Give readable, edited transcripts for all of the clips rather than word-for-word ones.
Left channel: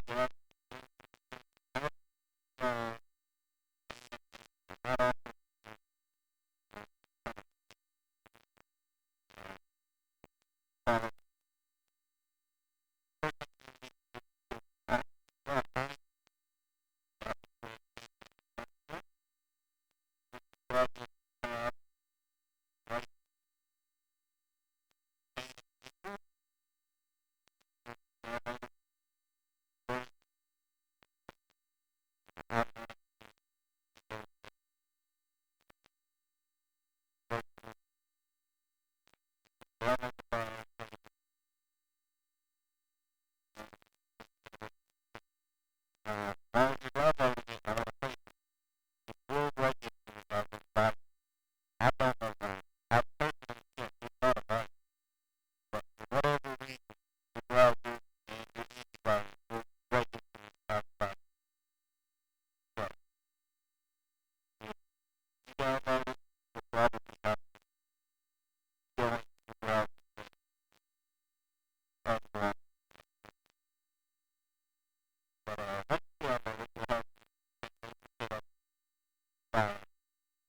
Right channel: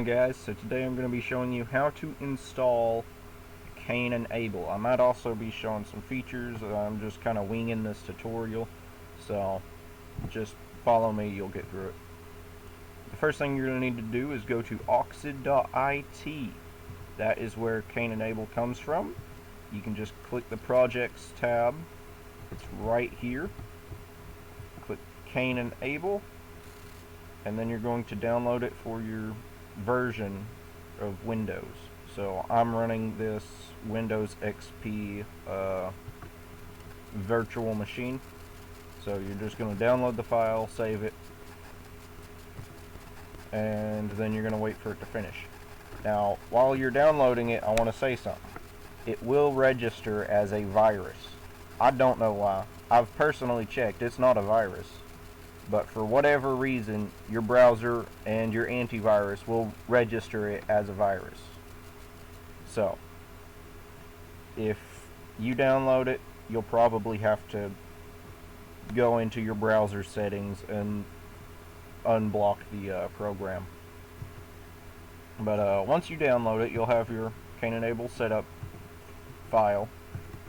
on, guys? So today I'm going to be showing you how to install Cain and Abel. I might also be showing some features. I'm just kind of winging this tutorial, so just follow me, you'll get through it. The first thing you're going to need to do is go to Oxid.it. That is where Cain and Abel comes from. You can just click the Projects tab. It's right here. Click Cain and Abel, and then you're going to download it for your version of Windows. So I'm running this Windows XP virtual machine. So you're just going to download the file, save it, and then you're going to wait for it to finish. Now, while you're downloading it, I want to say something. It will register as a virus. I don't know why. I've personally checked. It's not a virus. But for whatever reason, your browser and your antivirus will register it as a virus. So, if you download it, you'll probably have to go into your browser settings and unblock the program. But once you download it, you'll have your Cain and Abel setup file.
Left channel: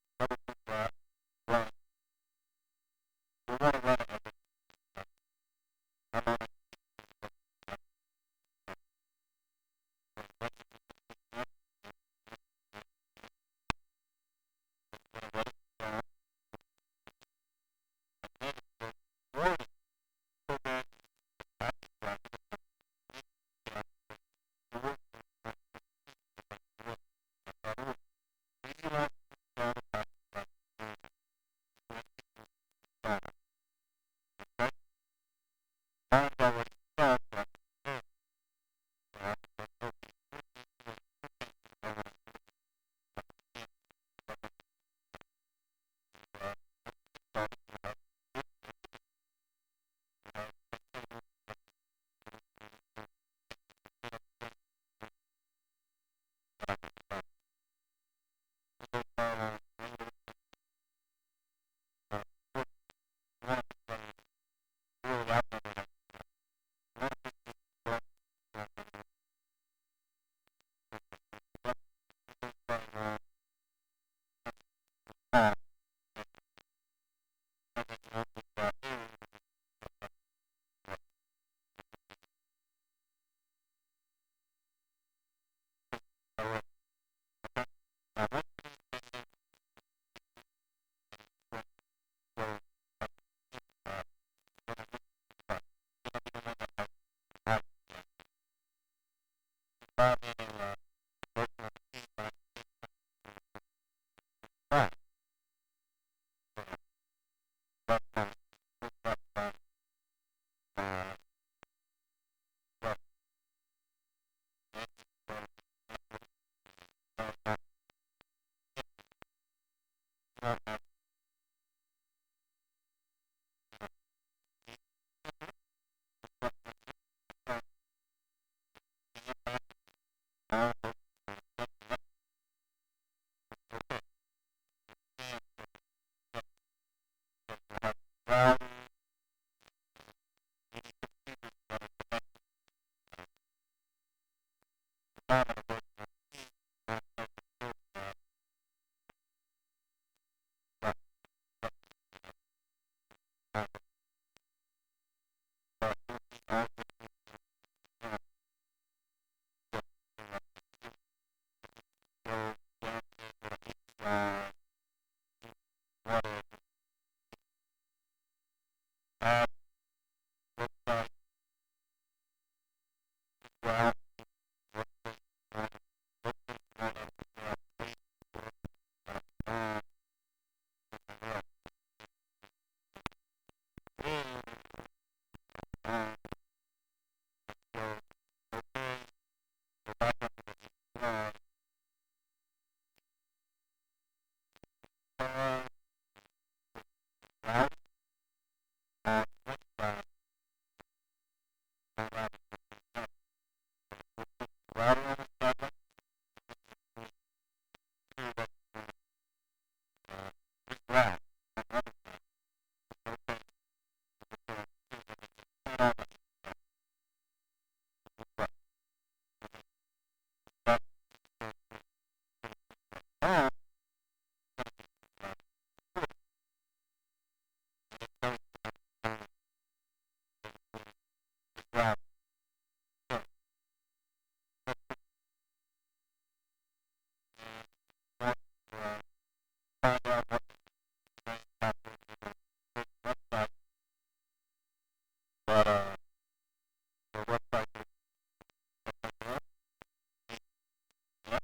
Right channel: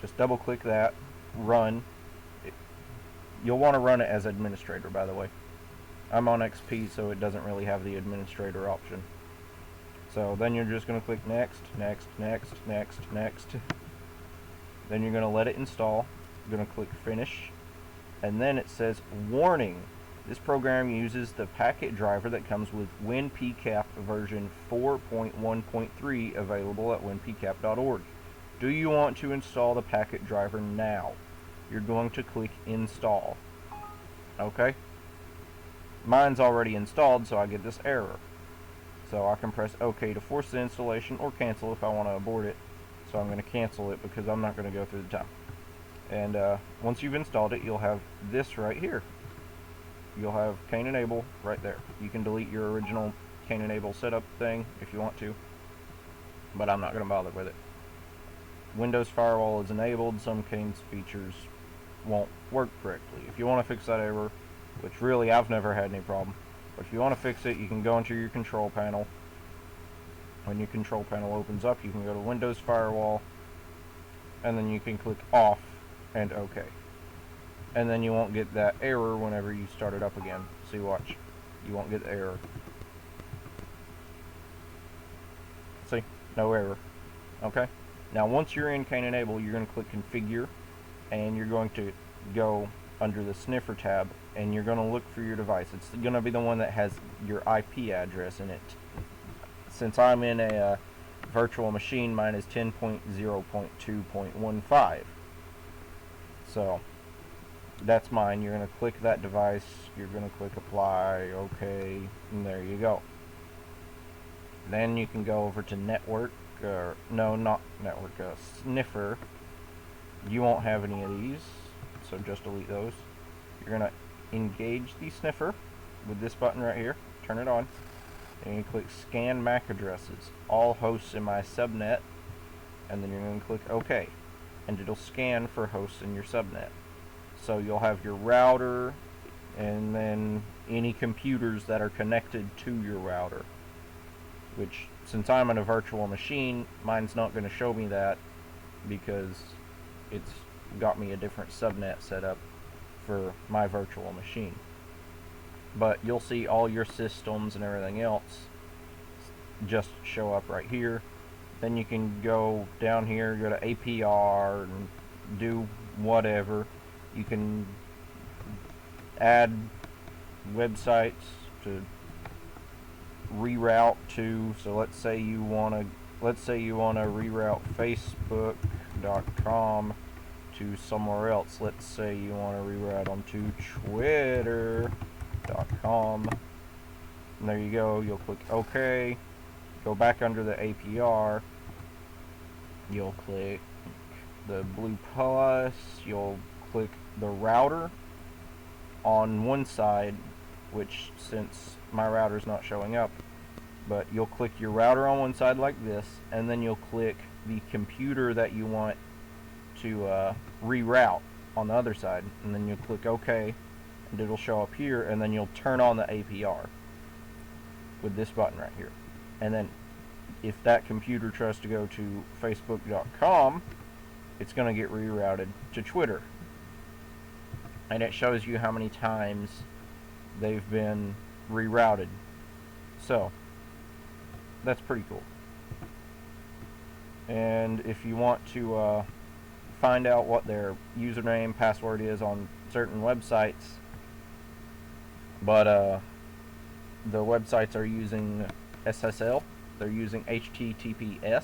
Just double click that, run. You'll want to run it as administrator, by the way. I'm on XP, so it doesn't really have the administrator option. So then you're just going to click next, next, next, next, next. Then you're going to let it install. You're going to click finish. And then it says, warning, this program uses the packet driver that comes with WinPCAP version 4.1.3 available at winpcap.org. Do you want to install the packet driver now? You're going to click install. Okay? Mine's already installed, so I get this error. So I can press OK to force the installation or cancel if I want to abort it. So I'm going to cancel it because I'm not going to go through the time. And once you've installed it, you'll have this right here. You'll have Cain and Abel right there. You can delete your original Cain and Abel setup thing if you want to, but I'm not going to bother with it. Windows Firewall is enabled. Some Cain's features won't work correctly. If you want to fix that error, which really I've never had any problem, but if you want to fix it, you can go into your control panel. When your control panel opens up, you can go to Windows Firewall, and then you can click off and OK. And then you won't get that error whenever you start it up again. See, watch. You won't get the error. See? No error. Okay? Now, once you're in Cain and Abel, you're going to click Configure, and you're going to go under the sniffer tab, and you're going to look for your device. It's going to be the one that has your IP address in it. Since I'm in a virtual machine, mine is 10.0.2.15. So, that's mine. You're going to click that device, you're going to click Apply, OK, and there you go. Then you can go over to Network, no, not Network, Sniffer. You won't have any of these, so just delete those. You're going to engage the sniffer with this button right here, turn it on, and you click Scan MAC addresses, all hosts in my subnet, and then you're going to click OK, and it'll scan for hosts in your subnet. So you'll have your router, and then any computers that are connected to your router, which, since I'm in a virtual machine, mine's not going to show me that because it's got me a different subnet set up for my virtual machine. But you'll see all your systems and everything else just show up right here. Then you can go down here, go to APR, and do whatever. You can add websites to reroute to. So let's say you want to reroute Facebook.com to somewhere else. Let's say you want to reroute them to Twitter.com. And there you go. You'll click OK. Go back under the APR. You'll click the blue plus. You'll click the router on one side, which, since my router's not showing up, but you'll click your router on one side like this, and then you'll click the computer that you want to reroute on the other side, and then you'll click OK, and it'll show up here, and then you'll turn on the APR with this button right here. and then if that computer tries to go to Facebook.com, it's going to get rerouted to Twitter. And it shows you how many times they've been rerouted. So, that's pretty cool. And if you want to find out what their username, password is on certain websites, but their websites are using SSL, they're using HTTPS,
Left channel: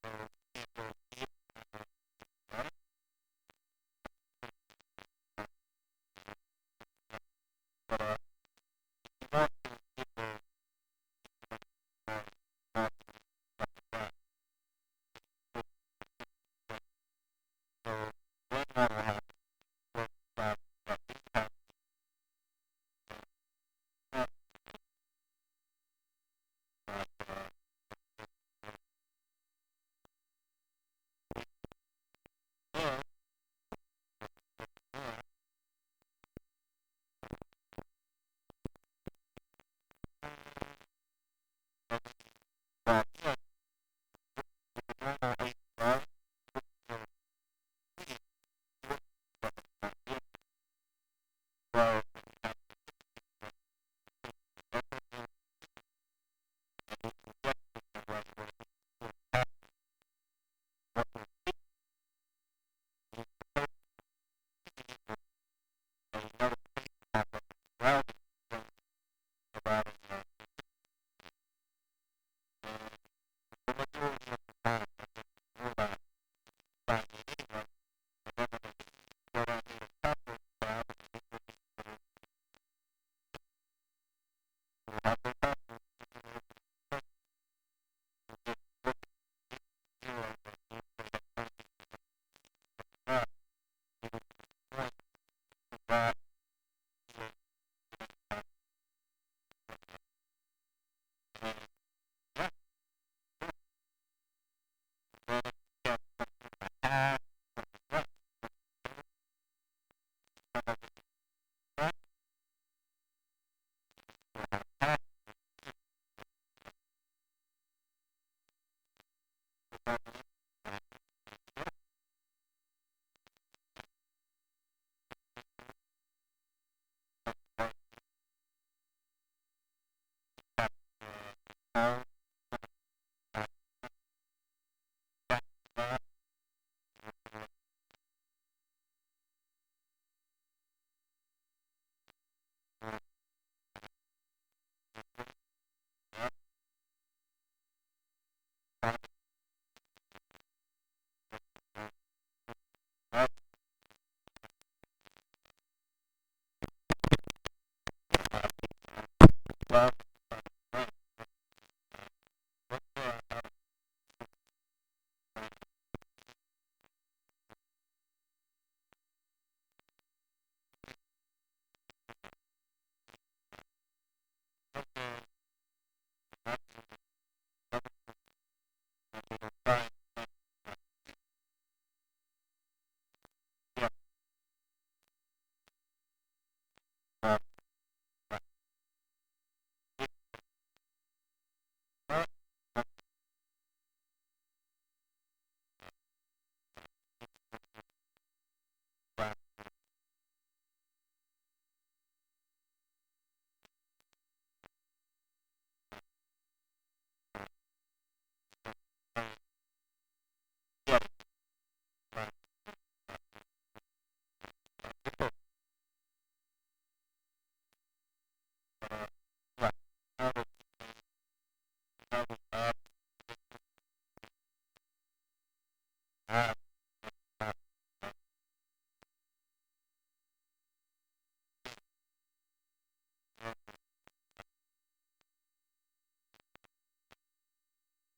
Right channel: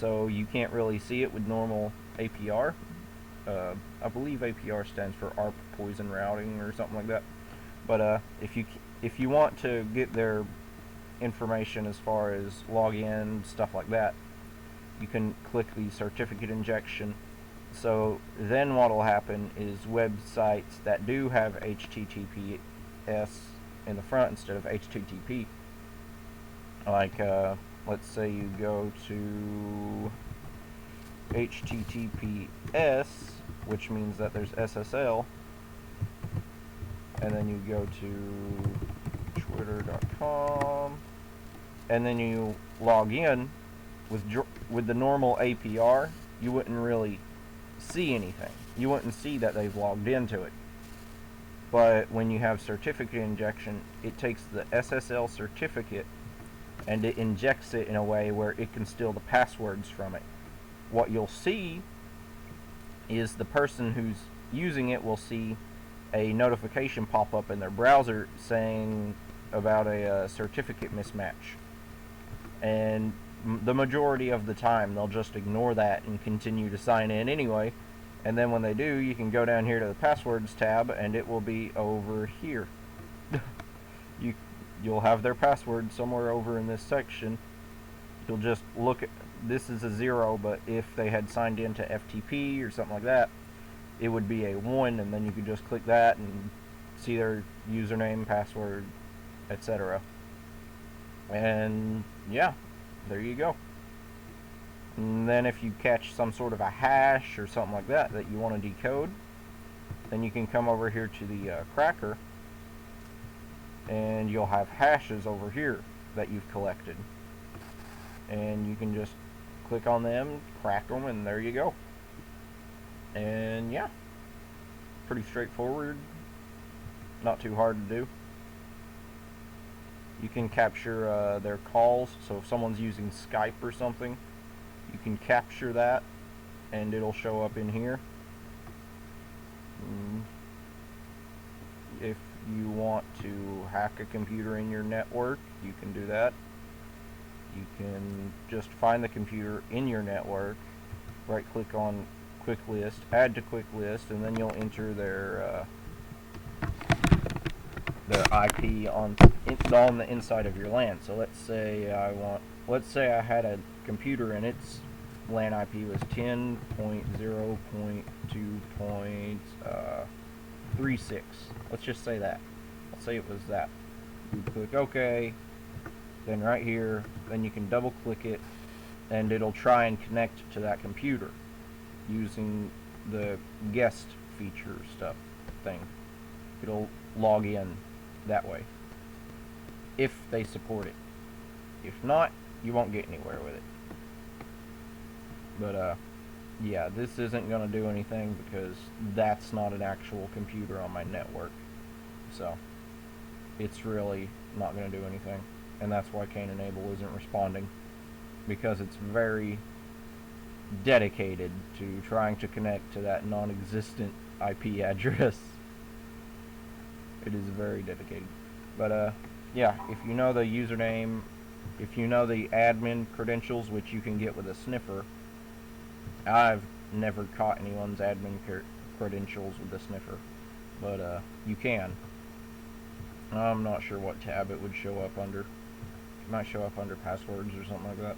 so you can't really see it with normal APR. I believe APR stands for ARP poison routing or something like that. But if you want to get their information as far as login, stuff like that, you can click the certificate injection. So then what will happen is websites that do have HTTPS in the front instead of HTTP, like let's say you go to HTTPS, which means that there's SSL, and then you go to twitter.com, and then you log in with the normal APR, you wouldn't really see anything. You wouldn't see that they've logged into it. But when you have certificate injection, it takes the SSL certificate and it injects it in a way where it can steal the passwords from it. What you'll see is the person who's using it will see a notification pop up in their browser saying about a certificate mismatch. And the majority of the time they'll just ignore that and continue to sign in anyway. And then when they do, you can go down here to the passwords tab and it will be over here. You'll have their password somewhere over in this section. You'll just look at, this is a 0, but if they had signed into FTP or something like that, it would be a 1, and then you could just click that and see their username, password, etc. And yeah, there you go. And then if you catch some sort of a hash or something like that that you want to decode, then you can come over here to the cracker, and you'll have hashes over here that you've collected. And you can just click on them, crack them, and there you go. And yeah, pretty straightforward, not too hard to do. You can capture their calls, so if someone's using Skype or something, you can capture that and it'll show up in here. If you want to hack a computer in your network, you can do that. You can just find the computer in your network, right click on quick list, add to quick list, and then you'll enter their IP on the inside of your LAN. So let's say I had a computer and its LAN IP was 10.0.2.36. Let's just say that. Let's say it was that. You click OK, then right here, then you can double click it, and it'll try and connect to that computer using the guest feature stuff thing. It'll log in that way, if they support it. If not, you won't get anywhere with it. But yeah, this isn't going to do anything because that's not an actual computer on my network. So it's really not going to do anything. And that's why Cain and Abel isn't responding, because it's very dedicated to trying to connect to that non-existent IP address. It is very dedicated. But yeah, if you know the username, if you know the admin credentials, which you can get with a sniffer, I've never caught anyone's admin credentials with a sniffer, but you can. I'm not sure what tab it would show up under. It might show up under passwords or something like that.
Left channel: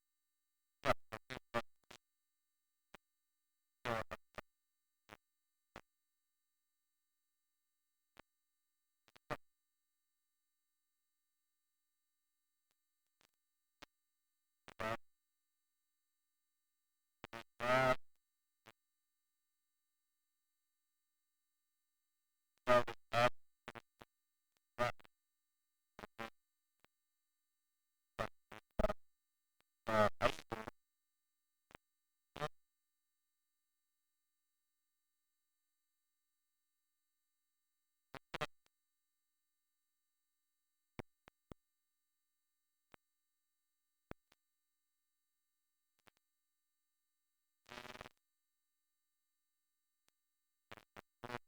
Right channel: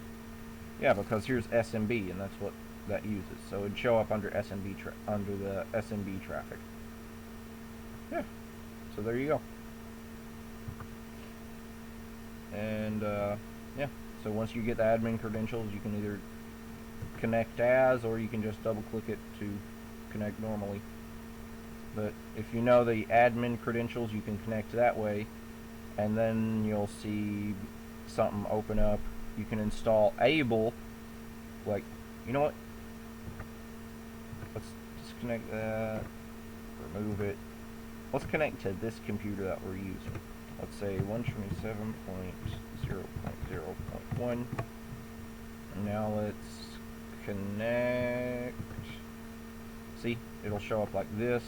Yeah, because here's SMB, and that's what that uses. So it'd show up under SMB under the SMB traffic. Yeah. So there you go. And yeah. So once you get the admin credentials, you can either connect as, or you can just double click it to connect normally. But if you know the admin credentials, you can connect that way, and then you'll see something open up, you can install Able. Like, you know what? Let's disconnect that, remove it. Let's connect to this computer that we're using. Let's say 127.0.0.1. Now let's connect. See, it'll show up like this.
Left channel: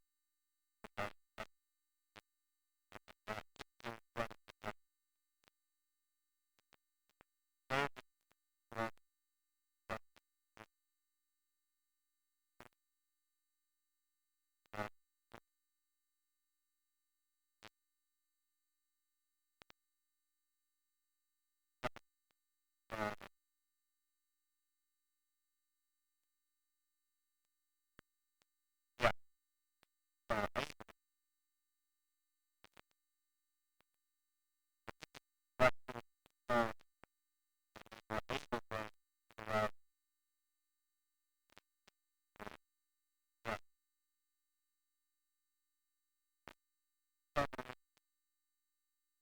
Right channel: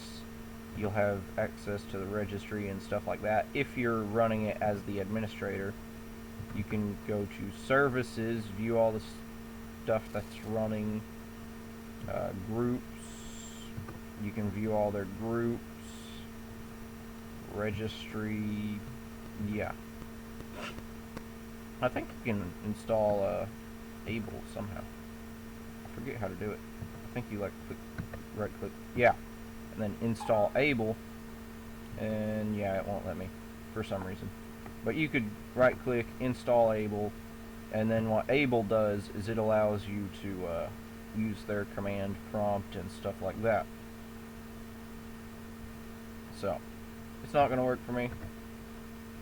You'll have access to the registry and stuff like that. If you're running it as the administrator, you can go to services, view all the stuff that's running, groups. You can view all their groups, registry. Yeah, I think you can install Able somehow. I forget how to do it. I think you like click, right click, yeah, and then install Able, and yeah, it won't let me for some reason. But you could right click, install Able, and then what Able does is it allows you to use their command prompt and stuff like that. So it's not going to work for me,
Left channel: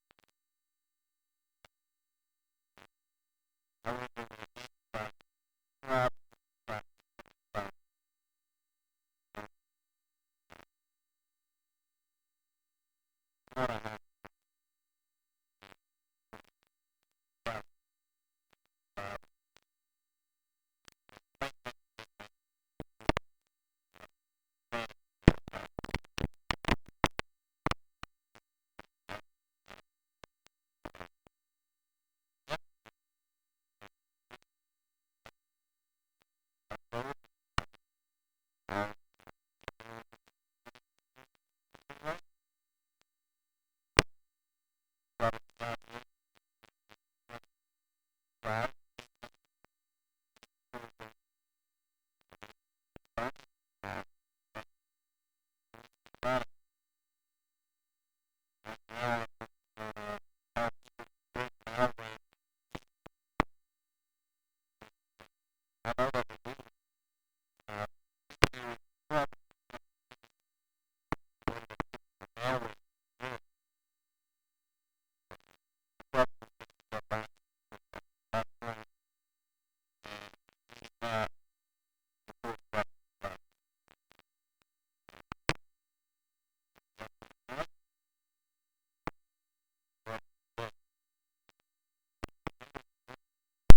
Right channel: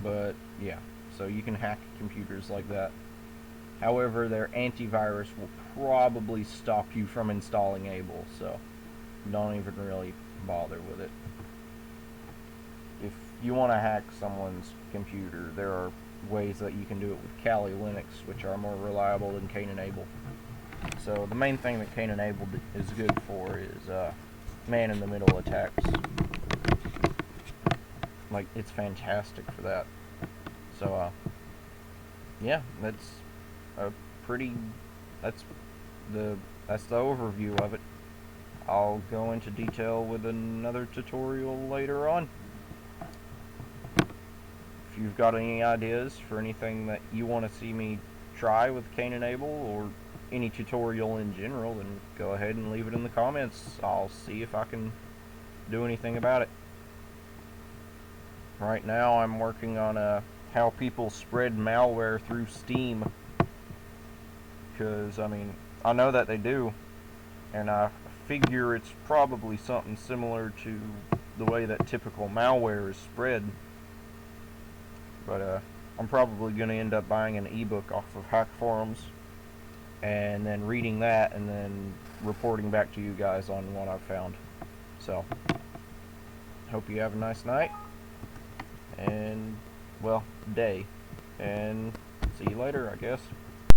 but yeah, so you can hack computers like that. However, their antivirus will probably stop you from installing Able, so don't even really bother with it. If you want to hack someone's computer, there are ways that you can do it with Kali Linux, which are more reliable than Cain And Abel. So the main thing that Cain And Abel is good for is man-in-the-middle attacks. Like, it's fantastic for that. So yeah, that's a pretty, that's the overview of it. I'll go into detail with another tutorial later on. If you've got any ideas for anything that you want to see me try with Cain And Abel, or any tutorial in general, then go ahead and leave it in the comments. I'll see if I can do anything about it. Right now I'm working on how people spread malware through Steam, because I mean, I know that they do, and I figure it's probably something similar to the way that typical malware is spread. But I'm probably going to end up buying an ebook off of Hack Forums, and then reading that, and then reporting back to you guys on what I've found. So, hope you have a nice night, and, well, day, and see you later, I guess.